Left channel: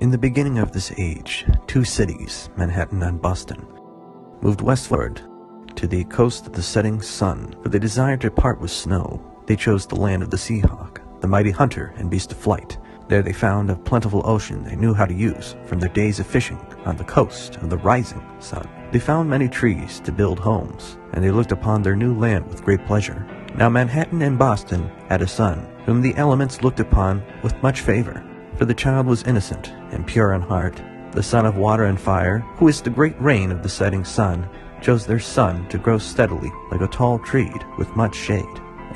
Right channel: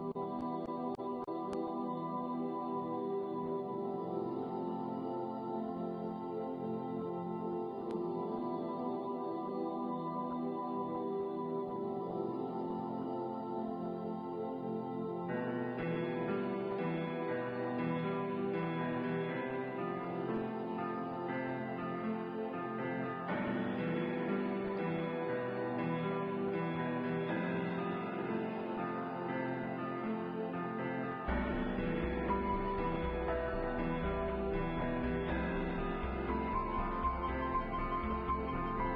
In the beginning of this age, two cities, Manhattan and Boston, moved westward to the coast of the setting sun, for they desired to part with snow. They chose the land of the Seahawk, the mighty hunter and beast of flight. There they found a plentiful ocean they knew how to use from their days of fishing on the coast of the rising sun. They found many trees to build homes, and they looked upon their new land with great pleasure. Now Manhattan and Boston had a son, whom the elements looked upon with much favor, for the child was innocent and pure in heart. The son of water and fire, who is the great rain of the setting sun, chose their son to grow steadily like a tall tree with much shade.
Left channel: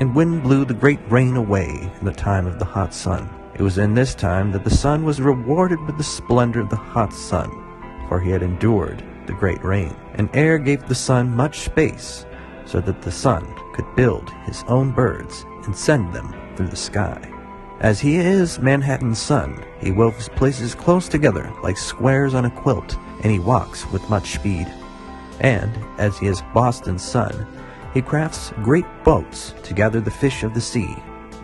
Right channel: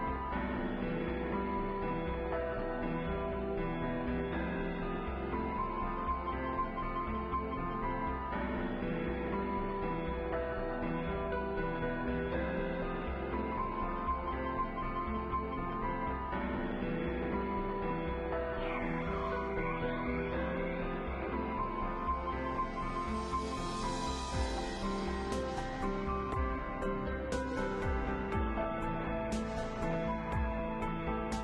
And wind blew the great rain away in the time of the hot sun. It was in this time that the sun was rewarded with the splendor of the hot sun, for he had endured the great rain. And air gave the sun much space, so that the sun could build his own birds and send them through the sky. As he is Manhattan's son, he wove his places close together like squares on a quilt, and he walks with much speed. And, as he is Boston's son, he crafts great boats to gather the fish of the sea,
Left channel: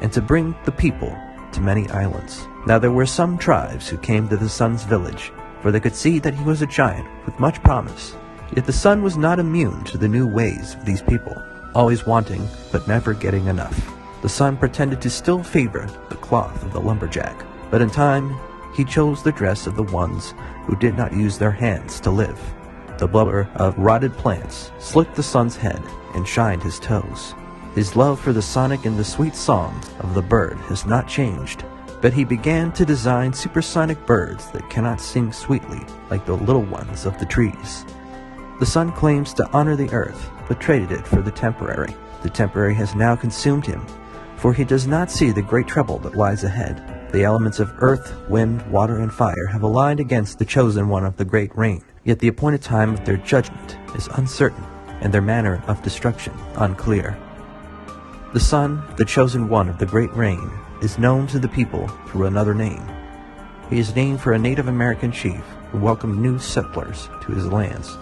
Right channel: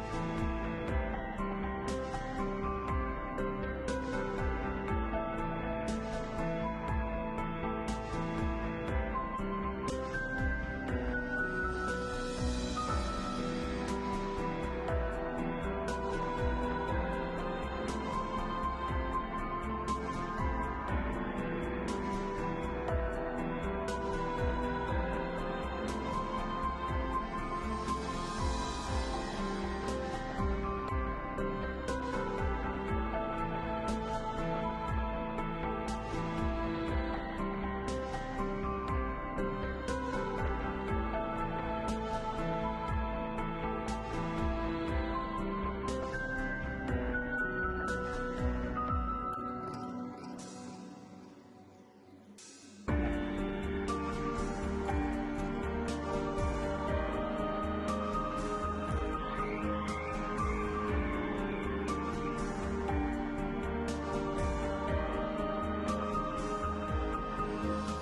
and to bring the people to many islands. Now there were some tribes who came to the son's village, for they could see that he was a giant with much promise. Yet the son was not immune to the new ways of these people, always wanting but never getting enough. The son pretended to still favor the cloth of the lumberjack, but in time he chose the dress of the ones who did not use their hands to live. The blubber of rotted plants slicked the son's head and shined his toes. His love for the sonic and the sweet song of the bird has not changed, but he began to design supersonic birds that cannot sing sweetly like the little ones of the trees. The son claims to honor the earth, but traded it for the temporary. The temporary has now consumed him, for he does not see the great trouble that lies ahead. The elements of earth, wind, water, and fire have aligned against the chosen one of the great rain, yet the appointed time of their judgment is uncertain, and their manner of destruction unclear. The son, the chosen one of the great rain, is known to the people through another name. He is named for a Native American chief who welcomed new settlers to his lands.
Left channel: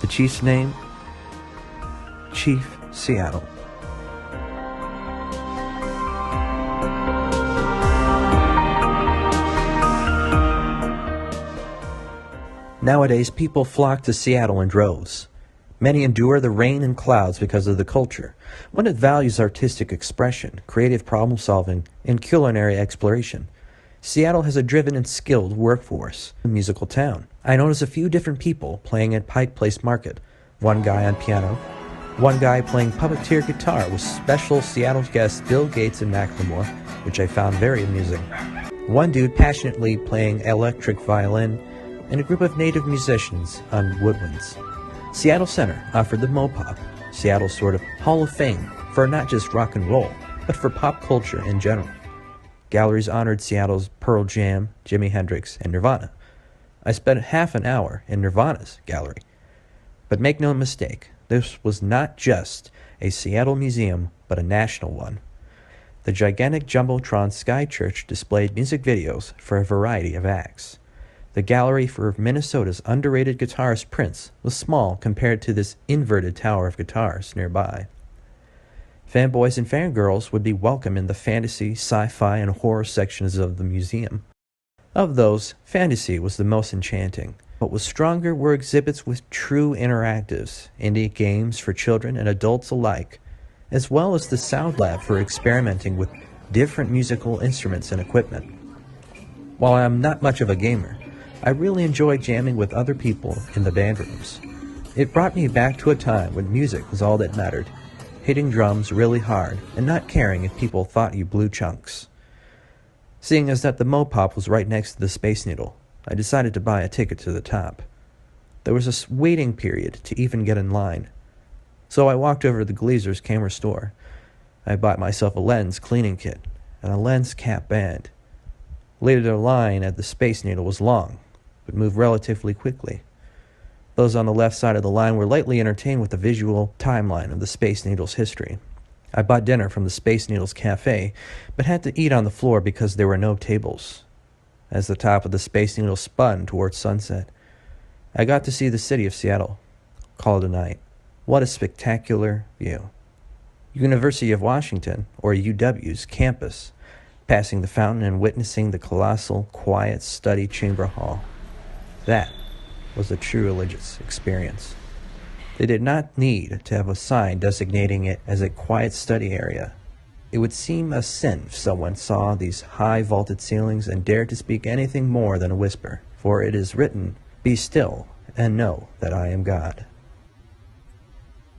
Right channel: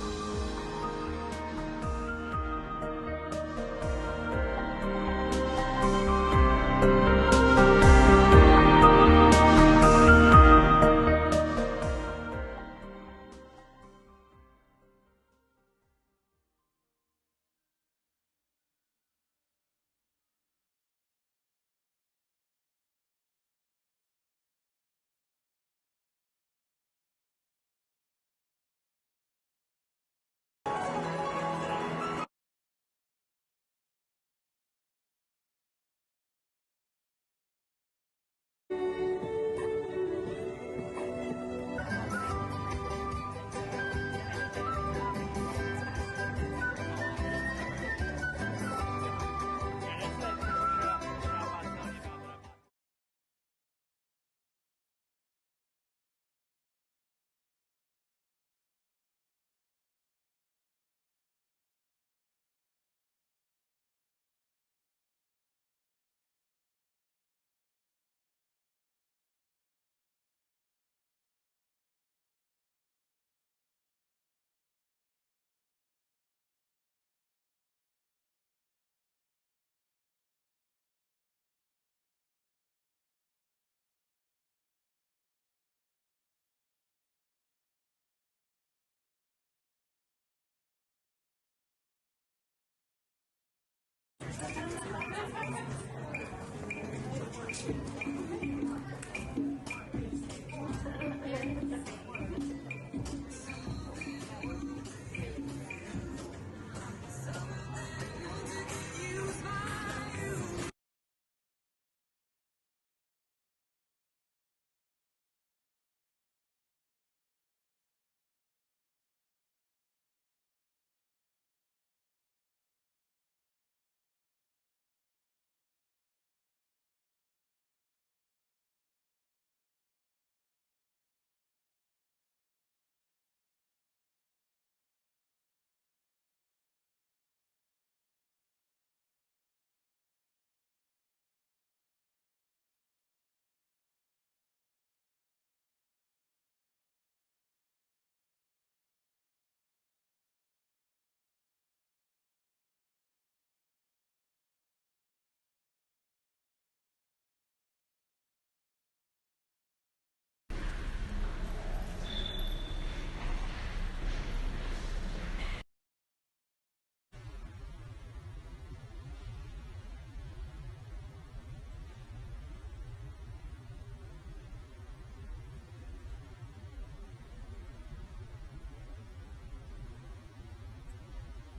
The chief's name? Chief Seattle. Nowadays, people flock to Seattle in droves. Many endure the rain and clouds because of the culture, one that values artistic expression, creative problem-solving, and culinary exploration. Seattle has a driven and skilled workforce, a musical town. I notice a few different people playing at Pike Place Market, one guy on piano, one guy playing puppeteer guitar with special Seattle guests Bill Gates and Macklemore, which I found very amusing. One dude passionately playing electric violin, and a group of native musicians on woodwinds. Seattle Center offered the Mopop, Seattle's sort of Hall of Fame for not just rock and roll, but for pop culture in general. Galleries honored Seattle's Pearl Jam, Jimi Hendrix, and Nirvana. I spent half an hour in Nirvana's gallery. But make no mistake, this was not just a Seattle museum, but a national one. The gigantic Jumbotron Sky Church displayed music videos for a variety of acts. The gallery for Minnesota's underrated guitarist Prince was small compared to this inverted tower of guitars nearby. Fanboys and fangirls would be welcome in the fantasy, sci-fi, and horror sections of the museum. Of those, fantasy was the most enchanting. What was stronger were exhibits with true interactives, indie games for children and adults alike, as well as the sound lab for experimenting with different musical instruments and equipment. While I am not much of a gamer, I really enjoy jamming with other people in the band rooms. It brought me back to a time when music was all that mattered, hitting drums really hard and not caring if people thought you blew chunks. Seeing as that the Mopop was right next to the Space Needle, I decided to buy a ticket to the top. There was a waiting period to even get in line, so I walked over to the Glazer's camera store. I bought myself a lens cleaning kit and a lens cap band. Later, the line at the Space Needle was long, but moved relatively quickly. Those on the left side of the line were lightly entertained with the visual timeline of the Space Needle's history. I bought dinner from the Space Needle's cafe, but had to eat on the floor because there were no tables. As the top of the Space Needle spun towards sunset, I got to see the city of Seattle. Call it a night. What a spectacular view. University of Washington, or UW's campus, passing the fountain and witnessing the colossal, quiet study chamber hall. That was a true religious experience. They did not need to have a sign designating it as a quiet study area. It would seem a sin if someone saw these high vaulted ceilings and dared to speak anything more than a whisper, for it is written, "Be still and know that I am God."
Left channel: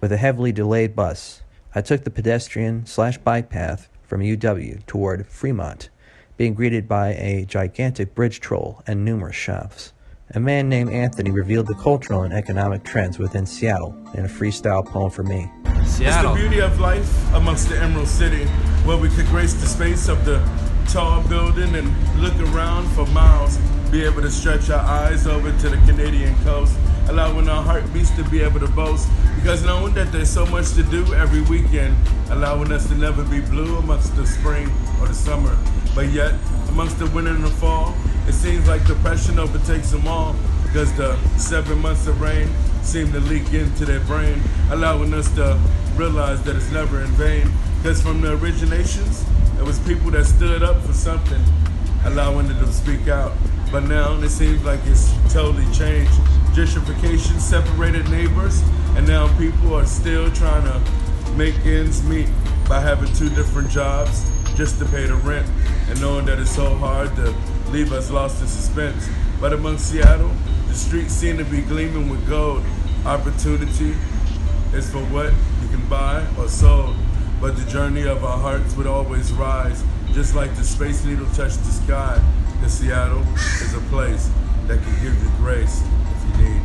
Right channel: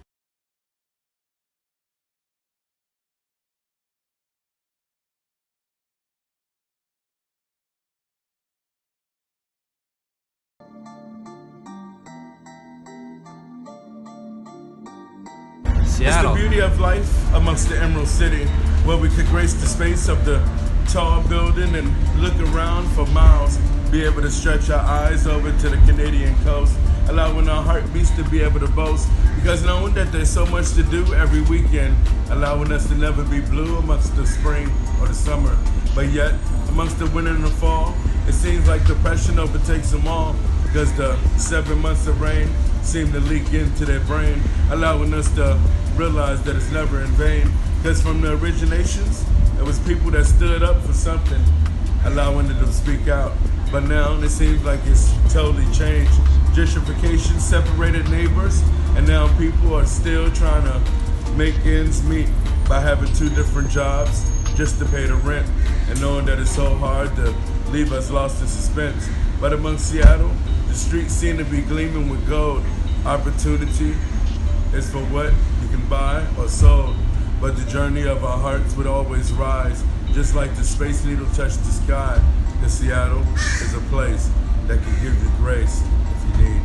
With a heavily delayed bus, I took the pedestrian/bike path from UW toward Fremont, being greeted by a gigantic bridge troll and numerous shops. A man named Anthony revealed the cultural and economic trends within Seattle in a freestyle poem for me. Seattle. It's the beauty of life amongst the Emerald City, where we could grace the space of the tall building and look around for miles, be able to stretch our eyes over to the Canadian coast, allowing our heartbeats to be able to boast, because knowing that there's so much to do every weekend, allowing us to never be blue amongst the spring or the summer. But yet, amongst the winter and the fall, it seems like depression overtakes them all, because the 7 months of rain seem to leak into their brain, allowing us to realize that it's never in vain. Because from the originations, it was people that stood up for something, allowing them to speak out. But now it seems like it's totally changed. Gentrification separated neighbors, and now people are still trying to make ends meet by having 2 different jobs just to pay the rent, and knowing that it's so hard to leave us lost in suspense. But amongst Seattle, the streets seem to be gleaming with gold. Opportunity is for what you can buy or sold, but the journey of our hearts would always rise, just like the Space Needle touched the sky. The Seattle is a place that can give you grace if you need.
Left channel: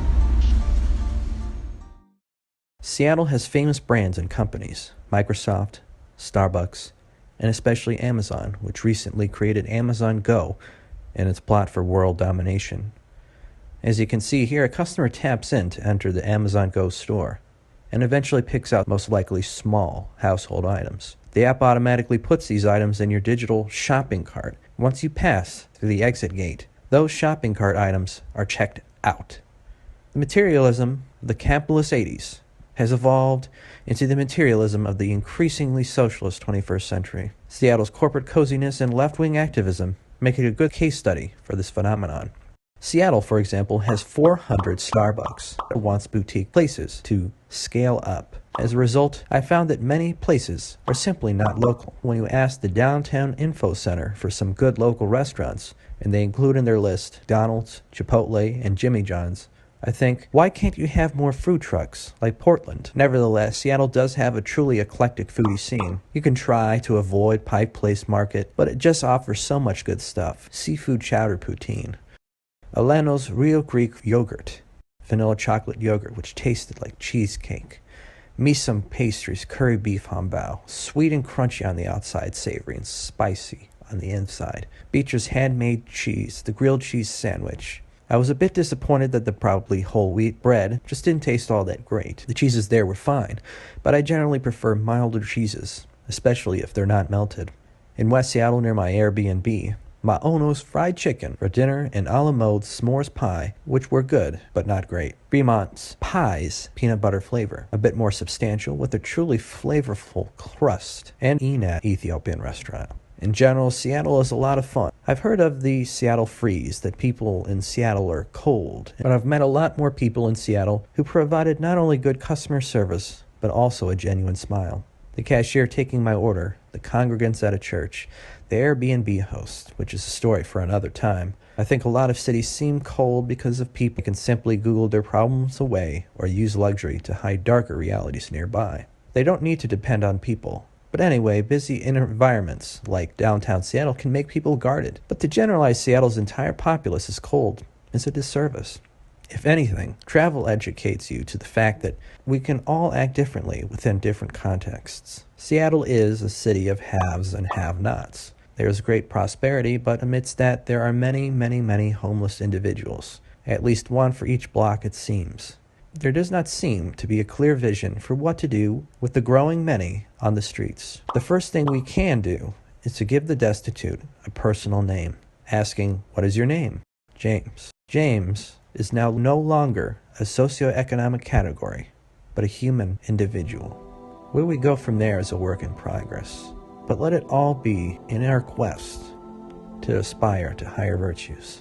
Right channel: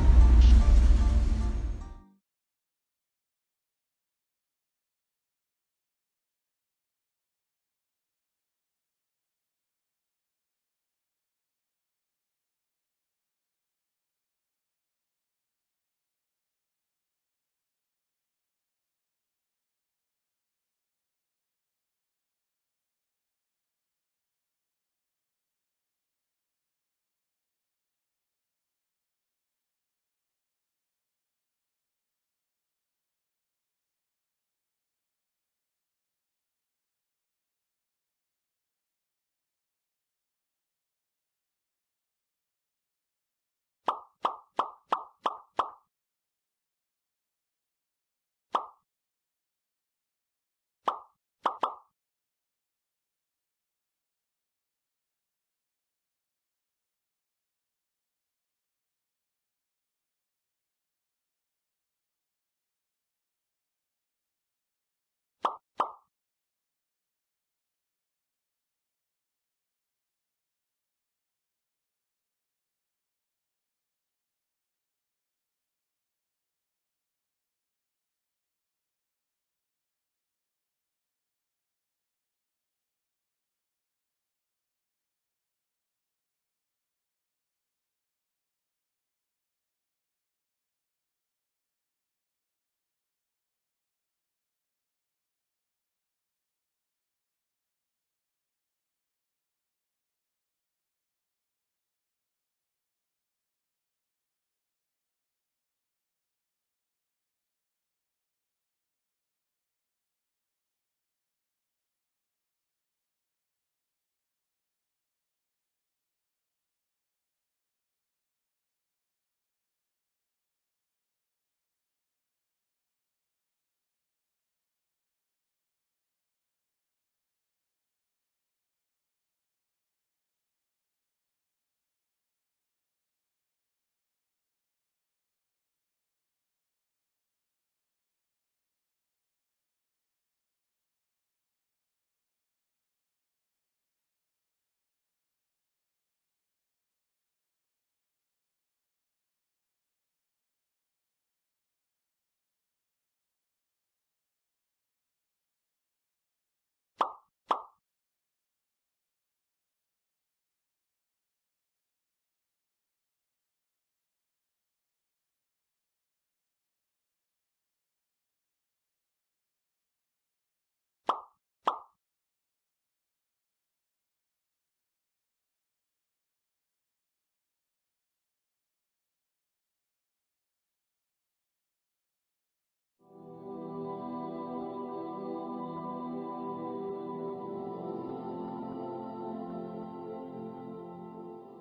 Seattle has famous brands and companies: Microsoft, Starbucks, and especially Amazon, which recently created Amazon Go in its plot for world domination. As you can see here, a customer taps in to enter the Amazon Go store and eventually picks out most likely small household items. The app automatically puts these items in your digital shopping cart. Once you pass through the exit gate, those shopping cart items are checked out. The materialism of the capitalist 80s has evolved into the materialism of the increasingly socialist 21st century. Seattle's corporate coziness and left-wing activism make it a good case study for this phenomenon. Seattle, for example, has 400 Starbucks. It wants boutique places to scale up. As a result, I found that many places are simply not local. When you ask the Downtown Info Center for some good local restaurants, and they include in their list Donald's, Chipotle, and Jimmy John's, I think, why can't you have more food trucks like Portland? Nevertheless, Seattle does have a truly eclectic foodie scene. You can try to avoid Pike Place Market, but it just offers so much good stuff. Seafood chowder poutine, Alano's Real Greek yogurt, vanilla chocolate yogurt which tasted like cheesecake, Misum pastries, curry beef hambao, sweet and crunchy on the outside, savory and spicy on the inside, Beecher's handmade cheese, the grilled cheese sandwich. I was a bit disappointed that the probably whole wheat bread just didn't taste all that great. The cheeses there were fine, but I generally prefer milder cheeses, especially if they're not melted. In West Seattle near my Airbnb, Maono's fried chicken for dinner and a la mode s'mores pie, which were good, but not great. Fremont's pies, peanut butter flavor, a bit more substantial with a truly flavorful crust, and Enat Ethiopian restaurant. In general, Seattle is a lot of fun. I've heard of the Seattle freeze, that people in Seattle are cold, but I've met a lot more people in Seattle who provided not only good customer service, but also a genuine smile. The cashier taking my order, the congregants at a church, the Airbnb host, which is a story for another time. I think a lot of cities seem cold because of people who can simply Google their problems away or use luxury to hide darker realities nearby. They don't need to depend on people. But anyway, busy environments like downtown Seattle can make people guarded. But to generalize Seattle's entire populace as cold is a disservice. If anything, travel educates you to the fact that we can all act differently within different contexts. Seattle is a city of haves and have-nots. There is great prosperity, but amidst that there are many, many, many homeless individuals. At least one for each block, it seems. There does not seem to be a clear vision for what to do with the growing many on the streets. The first thing we can do is to give the destitute a personal name, asking, "What is your name?" James. James is now no longer a socioeconomic category, but a human individual. Where we go from there is a work in progress. but let it all be in our quest to aspire to higher virtues.